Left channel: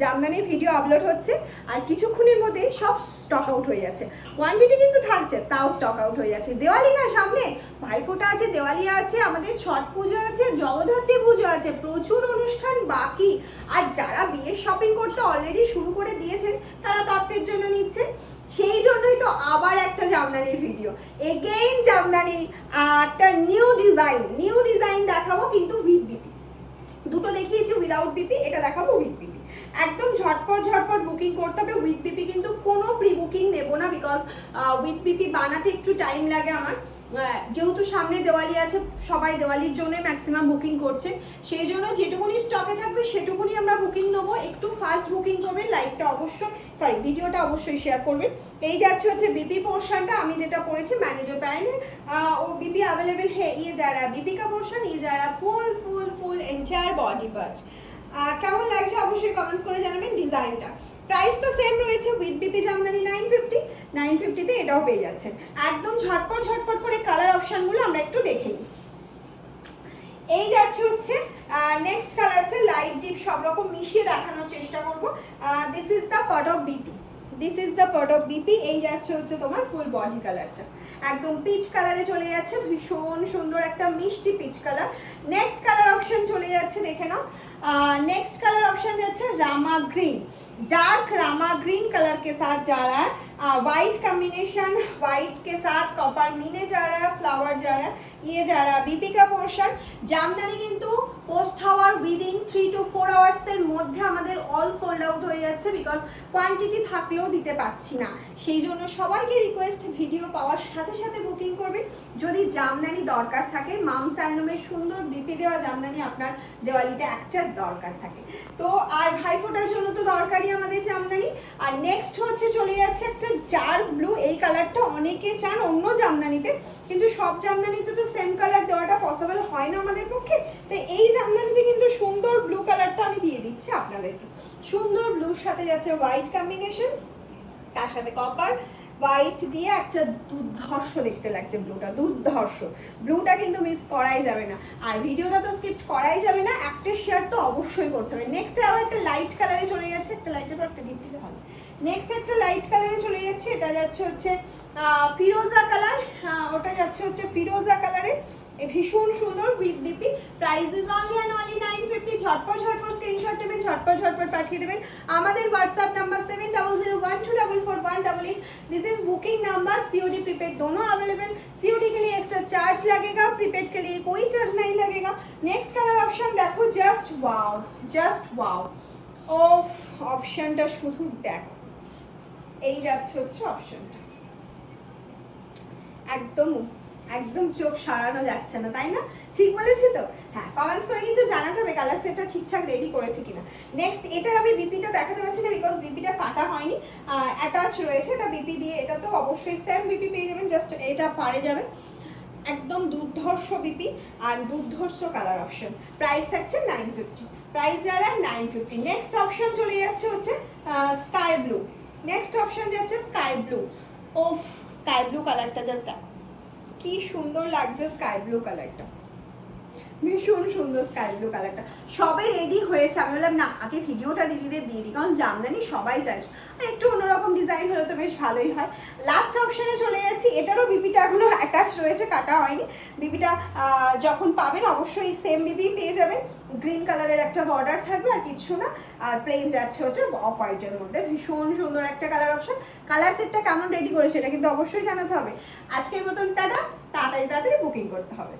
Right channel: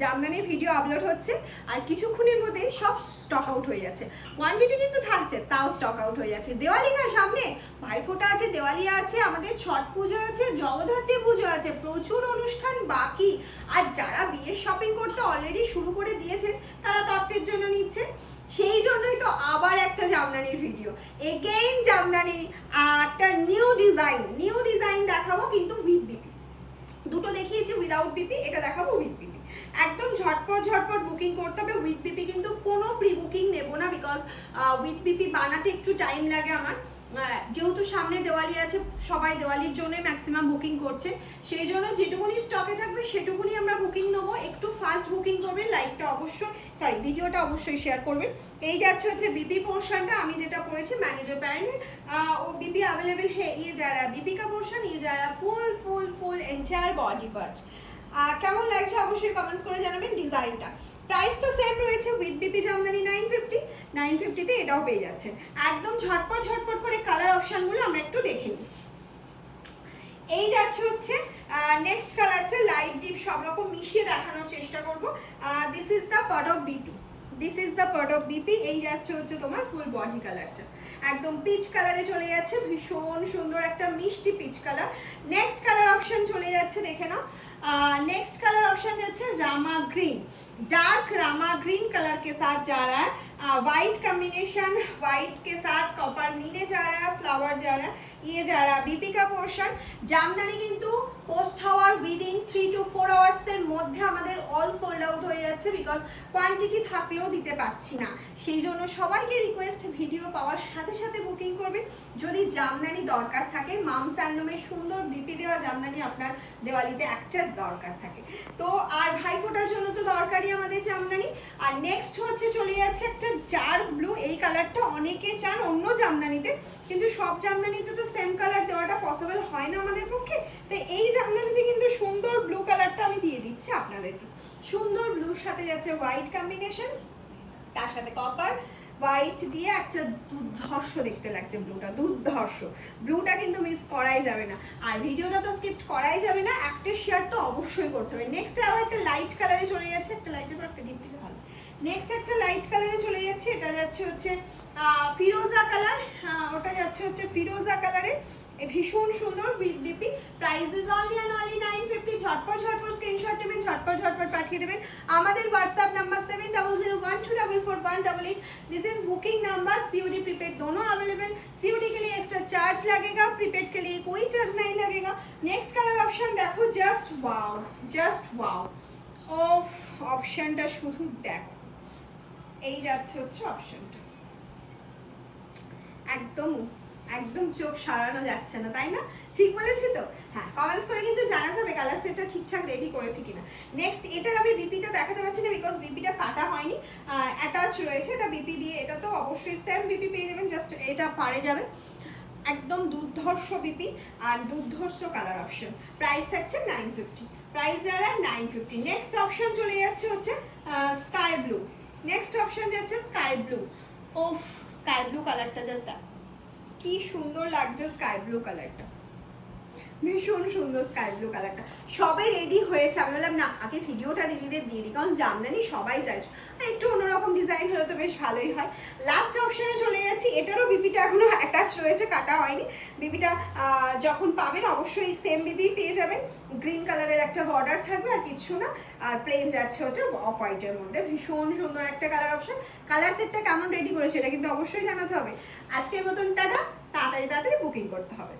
জামদানির video upload হচ্ছে আর কিছুক্ষণের মধ্যে সব স্টক আউট হয়ে যাচ্ছে। কোয়ান্টিটি কিন্তু থাকছে, তাও স্টক আউট হয়ে যাচ্ছে। দেওয়ালি না সামনে, ভাইফোঁটা আছে, দেওয়ালি আছে, আমাদের ছট পুজো আছে, জগদ্ধাত্রী পুজো আছে, প্রচুর অনুষ্ঠান বাকি। আর যারা বিয়ের শপিং করতে অলরেডি শুরু করে দিয়েছেন তারা তত্ত্বের জন্য নিচ্ছেন। সেই জন্যই তো আবার একটা জামদানির ভিডিও, এগেইন জামদানি একটা নিউ ডিজাইন দেখাবো, কিন্তু উইথ বিপি। দুটো দেখিয়েছি উইদাউট বিপি, এটা দেখাবো উইথ বিপি। একদম ঝটপট বুকিং করতে হবে। উইথ বিপি কিন্তু কোনো প্রি বুকিং নেবো না, বিকজ উইথ বিপি বানাতে একটু টাইম লাগে আমার। যেহেতু সামনে দেওয়ালি আছে, সবাই দেওয়ালির জন্য ম্যাক্সিমাম বুকিং করছে, সেই জন্য যেটুকুনি স্টকে থাকবে সেটুকুনি আমরা বুকিং নেবো। একটু ফাস্ট বুকিং করবেন, লাইভটা অবশ্যই ভিডিওটা অবশ্যই শেয়ার করবেন। এই যাচ্ছে হচ্ছে বিপি পোর্শনটা, আমি যেটা পড়েছি ম্যানেজার প্যান্ট ও বিপি अवेलेबल है। ये जा रहा है बीपी का पोर्शन, ये जा रहा है ফুল এন্টায়ার বডি পার্ট। কেমন লাগছে অবশ্যই কমেন্টস করে জানাবেন। ডিজাইনটা প্রাইস তো সেম রয়েছে, উইথ বিপি জামদানি 950 তে এটাও পেয়ে যাচ্ছেন। একদম ঝটপট করে কালার অপশনগুলো আমরা একটু দেখে নিই। এই যাচ্ছে হচ্ছে নেক্সট কালারটা, লাইট ডিপ সব রকম মিশিয়ে দেখানোর চেষ্টা করব। This is the part of BP. এই যাচ্ছে হচ্ছে তোমার ফুল বডি কালারটা, একদম পিচ কালারে চলে যাচ্ছে, ভীষণ সুন্দর একটা মিষ্টি peach colour. Next colour option চলে যাচ্ছে, দেখে নাও। नेक्स्ट कलर ऑप्शन যাচ্ছে Rama green, dark Rama green colour के साथ जा रहा है। वाइट कॉम्बिनेशन, वाइट के साथ कॉपर मिने जा रहा है, फ्लावर जा रहा है, ये जा रहा है बीपी का पोर्शन। জামদানি কিন্তু পোস্ট হওয়ার উইদিন 3 to 4 আওয়ার্স এর মধ্যে আমাদের অল সোল্ড আউট হয়ে যাচ্ছে, বিকজ কোয়ান্টিটি থাকলেও দিতে পাচ্ছি না। সেই জন্য সবাইকে রিকোয়েস্ট, ভিডিও পাওয়ার সাথে সাথে বুকিং করবেন যদি জামদানি দরকার থাকে। মামস হ্যান্ডলুমের সুন্দর বিপি দেওয়া জামদানি আপনার দেওয়ালিতে একটা দরকার থাকে তো, আর ভাইফোঁটার জন্য তো দরকারই আমাদের জামদানি। আর নেক্সট হচ্ছে চলে যাচ্ছে একটা ডার্ক ব্লু, এই কালারটা অনেকে চান অন্য জামদানিতে, কিন্তু সব জামদানিতে তো সেম কালার দেওয়াটা পসিবল হয় না আমাদের পক্ষে। তো এই জামদানিতে কিন্তু সুন্দর ব্লু কালারটা আমি দিয়ে দিচ্ছি আপনাদেরকে। সুন্দর ব্লুর সাথে যাচ্ছে হোয়াইট কম্বিনেশন, তার সাথে কপার হোয়াইট দিয়ে একটা দুর্ধর্ষ দেখতে লাগছে ব্লুটা, দুর্ধর্ষ ব্লুটা কিন্তু মিস করাই যাবে না। আর ভিডিওটা তো স্কিপ করাই যাবে না, একটা শেয়ার তো অবশ্যই করতে হবে। নেক্সট আবার একটা লাইট কালারে চলে যাচ্ছে, একটা লাইটের পর একটা ডিপ দিতে ভালো। নেক্সট একটা লাইট কালারে চলে যাচ্ছে, এটা যাচ্ছে হচ্ছে ফিরোজা কালার, ওটা যাচ্ছে হচ্ছে ফিরোজা কালারে, ভীষণ সুন্দর with BP. Price is only and only 950। ঝটপট স্ক্রিনশট নেবেন, ঝটপট পাঠিয়ে দেবেন। আমাদের WhatsApp number 7001244188। This is booking number. COD prepaid दोनों अवेलेबल। सीओडी के लिए एक्स्ट्रा चार्ज लगेगा, प्रीपेड के लिए कोई चार्ज नहीं लगेगा। नेक्स्ट कलर ऑप्शन देखो, जस्ट वाओ ऑफ ऑप्शनটা শুধু দেখো। এই যাচ্ছে হচ্ছে অপশনটা, একদম চোখ সারানো যাচ্ছে না, তাই না? ঠিক বলেছি তো? হ্যাঁ, কমেন্টস করে কিন্তু জানাতে হবে কালার সেটটা ঠিকঠাক রেডি করেছি কিনা। নেক্সট এটার আমি বিপিটা দেখাতে পারছি না, বিকজ বিপিটা কাটা হয়নি, অ্যাটাচ রয়েছে। এটা বিপি দিয়ে, এটা তো অবশ্যই সেম বিপি পেয়ে যাবেন, জাস্ট এটা পারে যাবে। একদম দুর্ধর্ষ বিপি আর দুর্ধর্ষ কালার অপশন। প্রাইস থাকছে 950, প্রাইস যারা 950। নেক্সট অপশন চলে যাচ্ছে হচ্ছে স্কাই ব্লু। নেক্সট অপশন যাচ্ছে স্কাই ব্লু। ওফ, স্কাই ব্লু কালারটা জাস্ট দেখো কি সুন্দর লাগছে। স্কাই ব্লু কালারটা ভীষণ সুন্দর, স্কাই ব্লু কালারটা সবে রেডি হয়েছে। আমি বললাম না, আগে ভিডিওটা দিদিদের দিয়ে দিই, কারণ জামদানি সবাই চাইছে, একটু অন্যরকম ডিজাইন হলে তো বেশ ভালোই হয়। লাস্ট অপশনে চলে যাচ্ছি, এটারও বিপিটা এখনো অ্যাটাচ রয়েছে, কাটা হয়নি। বিপিটা যখন পাবেন অবশ্যই সেম বিপি পেয়ে যাবেন। গ্রিন কালারের একটা বর্ডার থাকবে আর কিছু না, আর প্লেন যাচ্ছে হচ্ছে অফ হোয়াইটের মধ্যে। ভীষণ সুন্দর একটা কালার অপশন। কালার সেটটা কেমন রেডি করেছে এটা কিন্তু অবশ্যই জানাতে হবে। আজকের মতন টাটা, তাড়াতাড়ি বুকিং করতে হবে।